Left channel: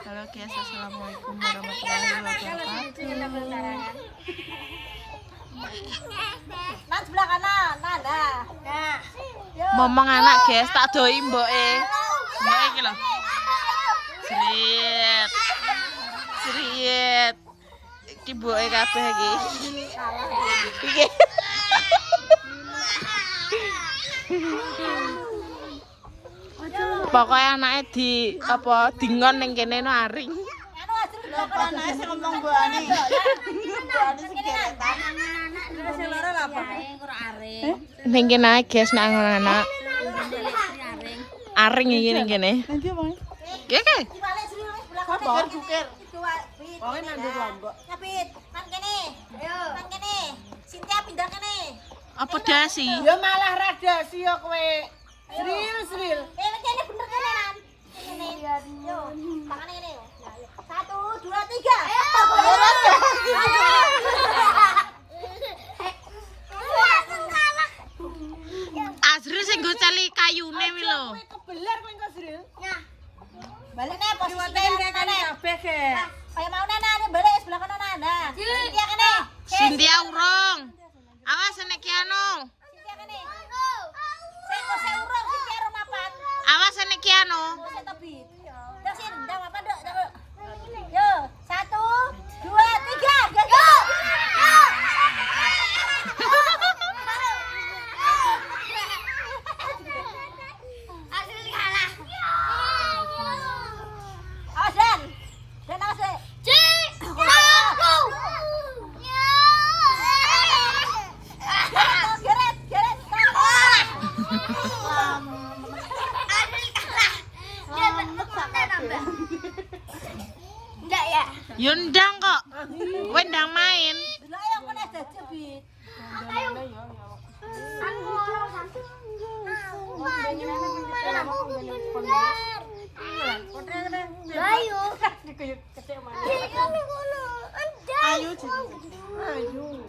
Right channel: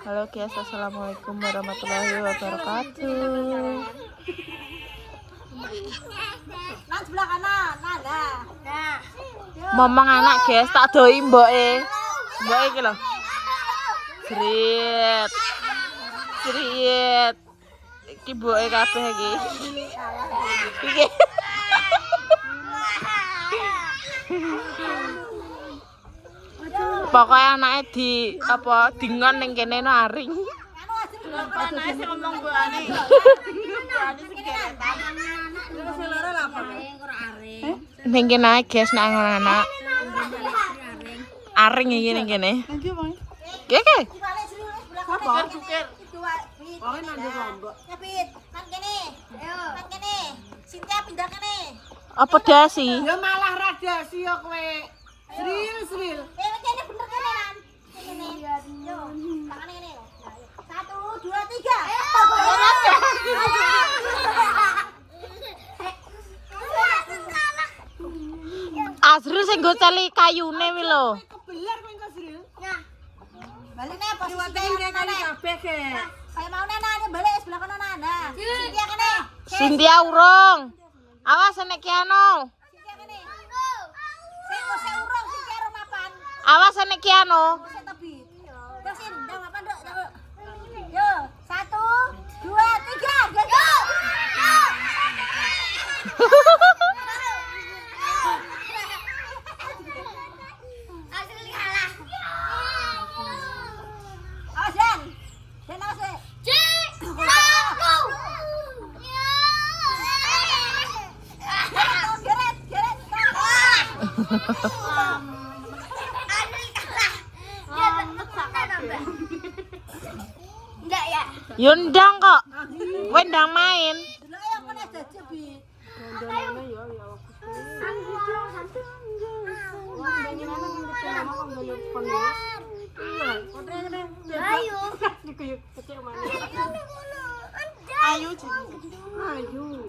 Halo guys, assalamualaikum warahmatullahi wabarakatuh. Nang sebelah kanan, nah. Momong anak guys, tak doi mboke. Mboke iki lho. Srit. Srit. Iki mboke kabeh iki. Iki. Pokoknya anaknya di apa dingon ning kene no aring. Anake sing ngomong mbokane. Ning kene ae guys nek anak. Aring iki ning kene. Keke. Apa? Cukir. Wong nang ndi lombok. Nyapit, kan kene. Ayo, kan kene. Sintia pindah kene. Apa dasi? Ya malah radiasi ya kowe. Sril. Kene bener kene nan. Kene. Yo, tangane kene yo. 1 2 3. Azril sing go cali kayune wi lho. Kebeler kowe engko Sril. Nah. Balik nih posisi Kali kabeh ke. kayak mau Nana ada balik sebelah kanan Nana. Sintia kene. Sintia urung. Awas nek kiano. Sintia kene. Saya urang Sintia urang mapan. Awas nek kiano. Saya tebi. Terusin, dah mapan dok. Yo, 1 2 3. Yo. Hasil kalah. Awas Dan. Dan awas deh. Geret. Enggak ya? Yundang kok. Wendang main. Dulu ayo aku nek jajak bi. Ayo. Ayo. Ayo.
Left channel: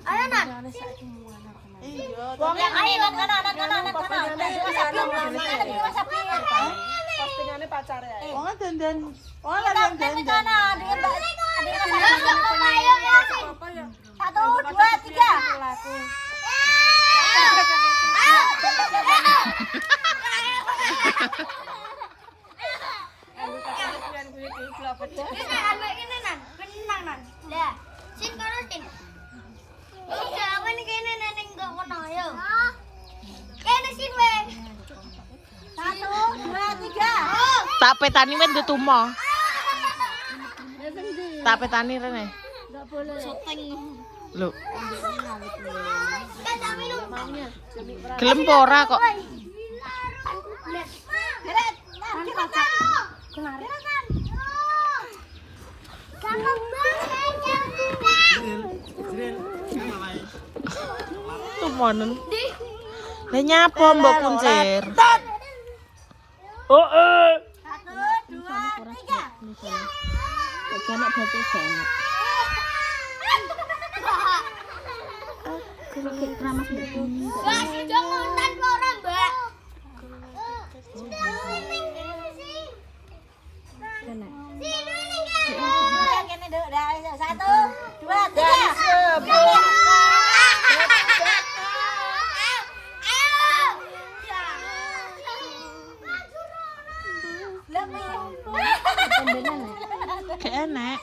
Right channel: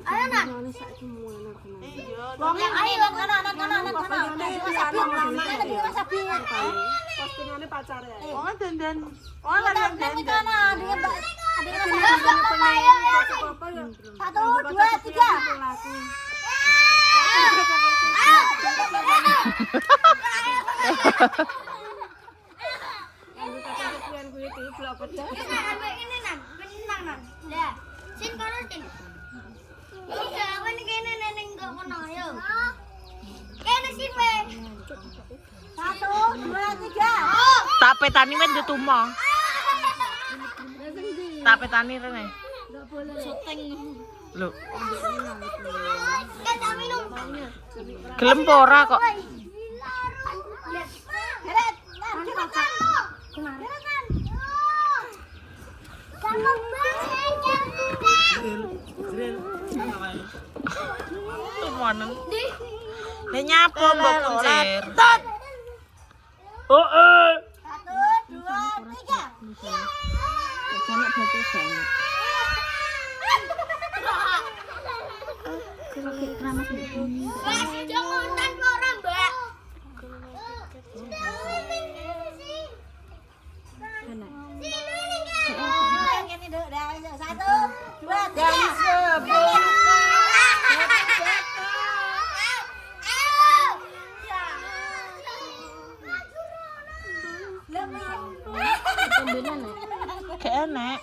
Ayo nak. Ayo Postingane pacare. Wong dandan. Oh, dandan. 1 2 3. Ini nan, benang nan. Lah, sin kono sin. Iya, kan kene neneng kok kono yo. Kene sin we. 1 2 3. Tak petani wis ndutumo. Tak petani rene. Enggak boleh. Syuting. Lho, Kita minum. gelem apa ora kok? Geret, gerakan. Gerakan. Kamu Tumonen. Lah nyapa mbok kuncir? 1 2 3. Janak batu banget. Jangan tanpa orang, Mbak. Kene duk, dah 1 2 3. Keenek.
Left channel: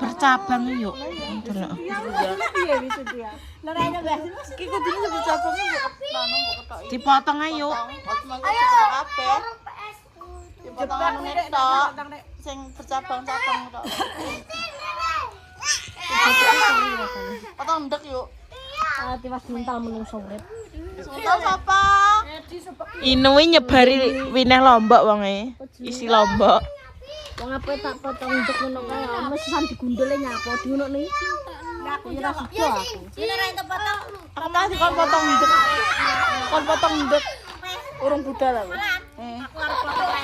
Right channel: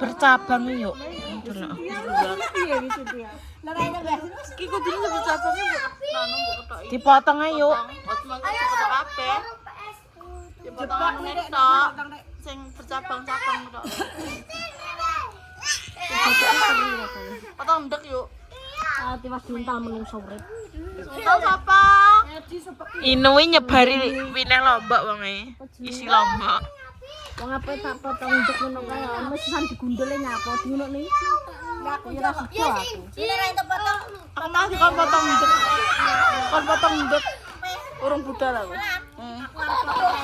Bercabang yuk. Delok. Dipotong ayo. Dipotong nek tok. Sing bercabang-cabang tok. Potong ndek yuk. Tiwas mental menungso. Suntal sapa? Inuwi nyebari wineh lombok wonge. Isi lombok. Wong apa tak potong ndek ngono kae, mesan digundule nyapa diunukne. Aku ora suka aku. Ini ra itu potong. Pernah sih kon potong ndek. Kon potong ndek. Urung budal aku.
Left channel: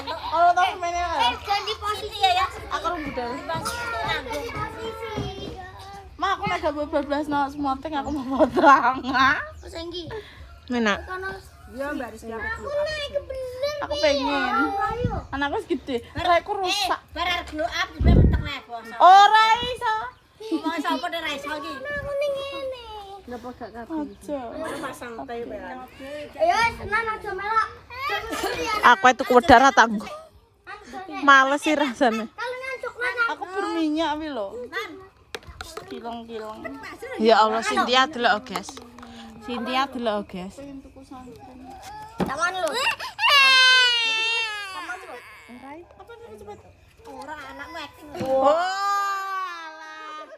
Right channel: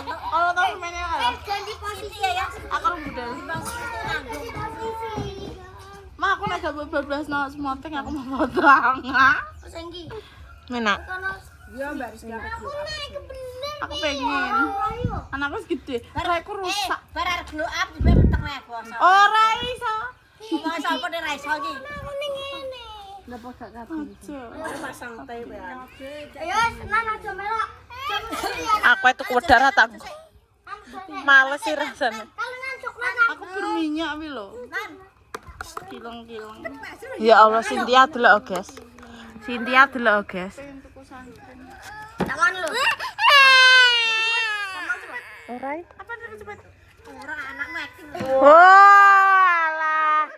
Kalau tahu semuanya kan? Ganti posisi ya. Aku urung budal. Ma aku nek gak bablas no semonting aku mau potong. Terus engki. Menak. Kono Iya, Mbak Rizky apa glow up. Aku pengen. Anakku gede. Raiku rusak. Barar glow up juga peteng nek basa. Ora iso. Ngomong sapa nek ra iso iki. Aku ning ngene. Napa gak kabeh? Aku pasang teh ya. Ayo, senang aja melok. Aku itu kudara tangguh. Males sih rasanya. Kalau ngantuk lan Aku berminyak wi lho. Kilong-kilong. Ya Allah, Cynthia delok guys. Cynthia delok guys. tangan lu. Ora anakmu acting. Walah.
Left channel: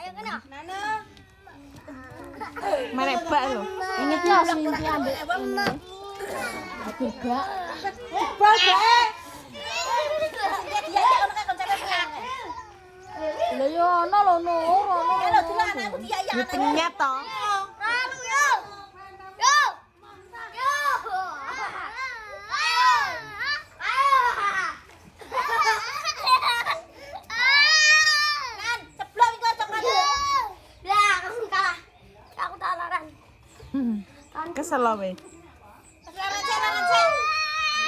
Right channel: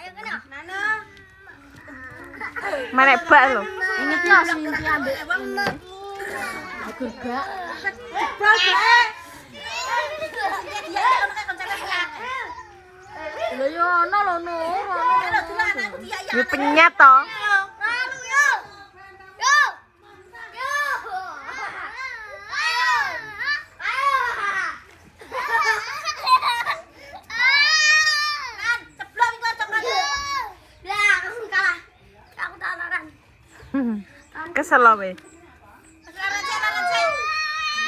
Ayo kena. Nana. Menek bak lho. Ingat ya sing diambil ini. Aku gak. Lho yo ono lho no. Yo penyet to. Aduh, yo. Yo. Yo. Ayo. Ayo. Kan ceblok iki coklat. Lah, aku kalah. Aku talaran. Kesel lo we.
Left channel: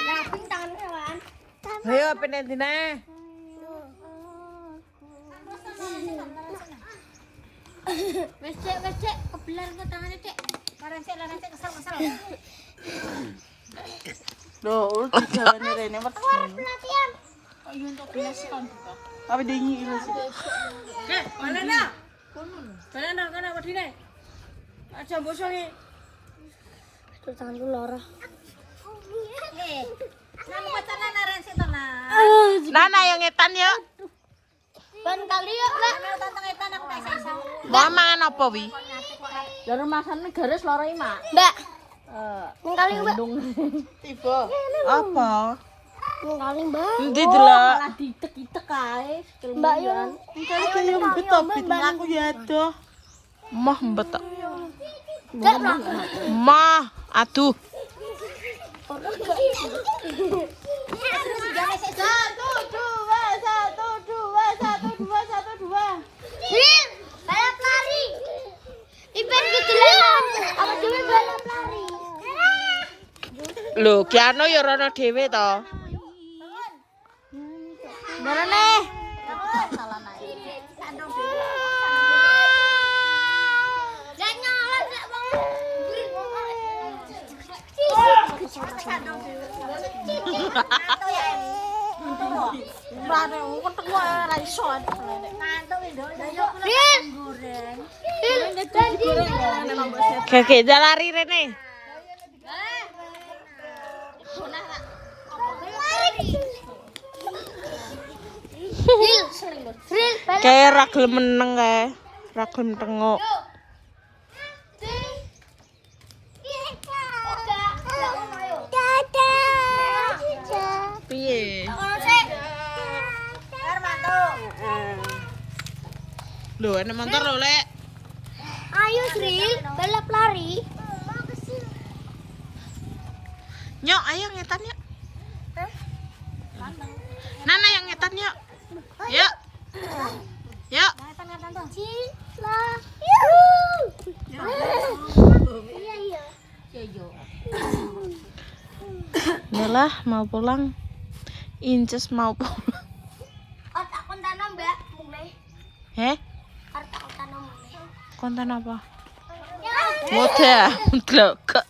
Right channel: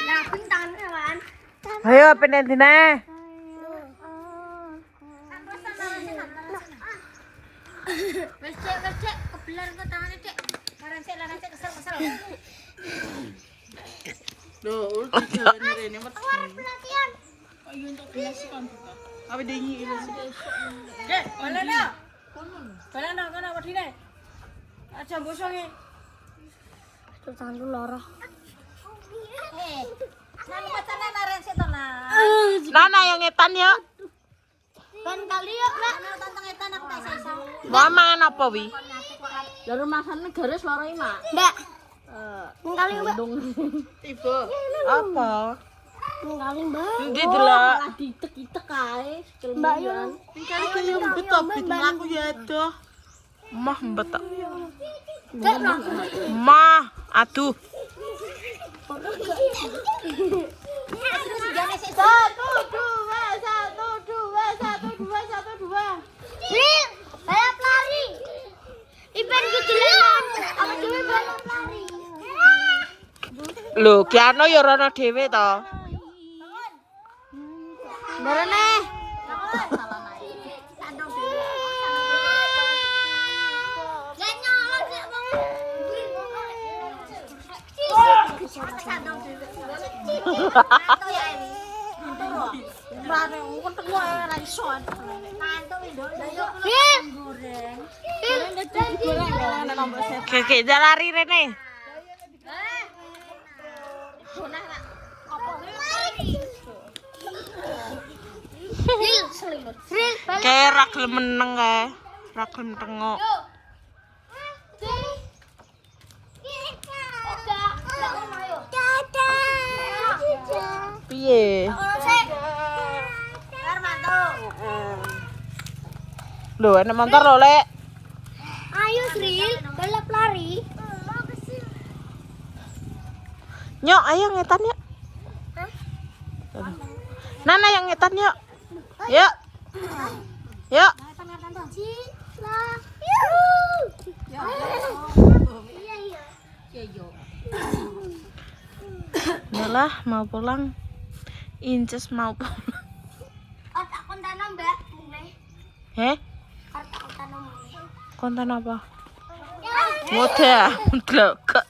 Nah, tangan kan. Ayo pindah dina. Wes cek, kebelar ke tangannya, Cek. Laran sik kesel. Loh, jalan rene mat. Latihan. Tapi dingi ini sih. Dek, balana. Balana kana wedine. Aja mbosongi. Tuh tanganku lara. Nang pacaran laran sik to nah. Nana yang ngetan yuk. Ban kali yuk, Lek. Tantang etan aku tak iso. Mau mangan apa wi? Dari masane garis lara iki, Mak. Mbak. Nang kali, Mbak. Tiba. Apa? Nang kali, Mbak. Endi delok? Ditek-itek kae. Mbak yo. Ayo nang kali, Mbak. Aku ya aduh. Mah mbetok. Gak pernah. Mah, aduh. Nih, balap lari. Ipen gitu lah. Aku dhewe balap lari. Lho, Kiano ya rono dhewe to. Darane. Rane ketemu ra iso. Kakek jalari rene. Kayak ra gelem meneng kae. Ra gelem tengok. Piye? Lho, ana motor lho, Lek. Ayo Sril, balap lari. Nyok, ayo ngetan yuk. Nana yang ngetan yuk. Yuk. Yuk. Yalah, mau pulang. Inces mau pulang. Otak kon tanam, Mbak. Mulai. Heh? Otak kon tanam mulai. Konten apa? Model. Blok.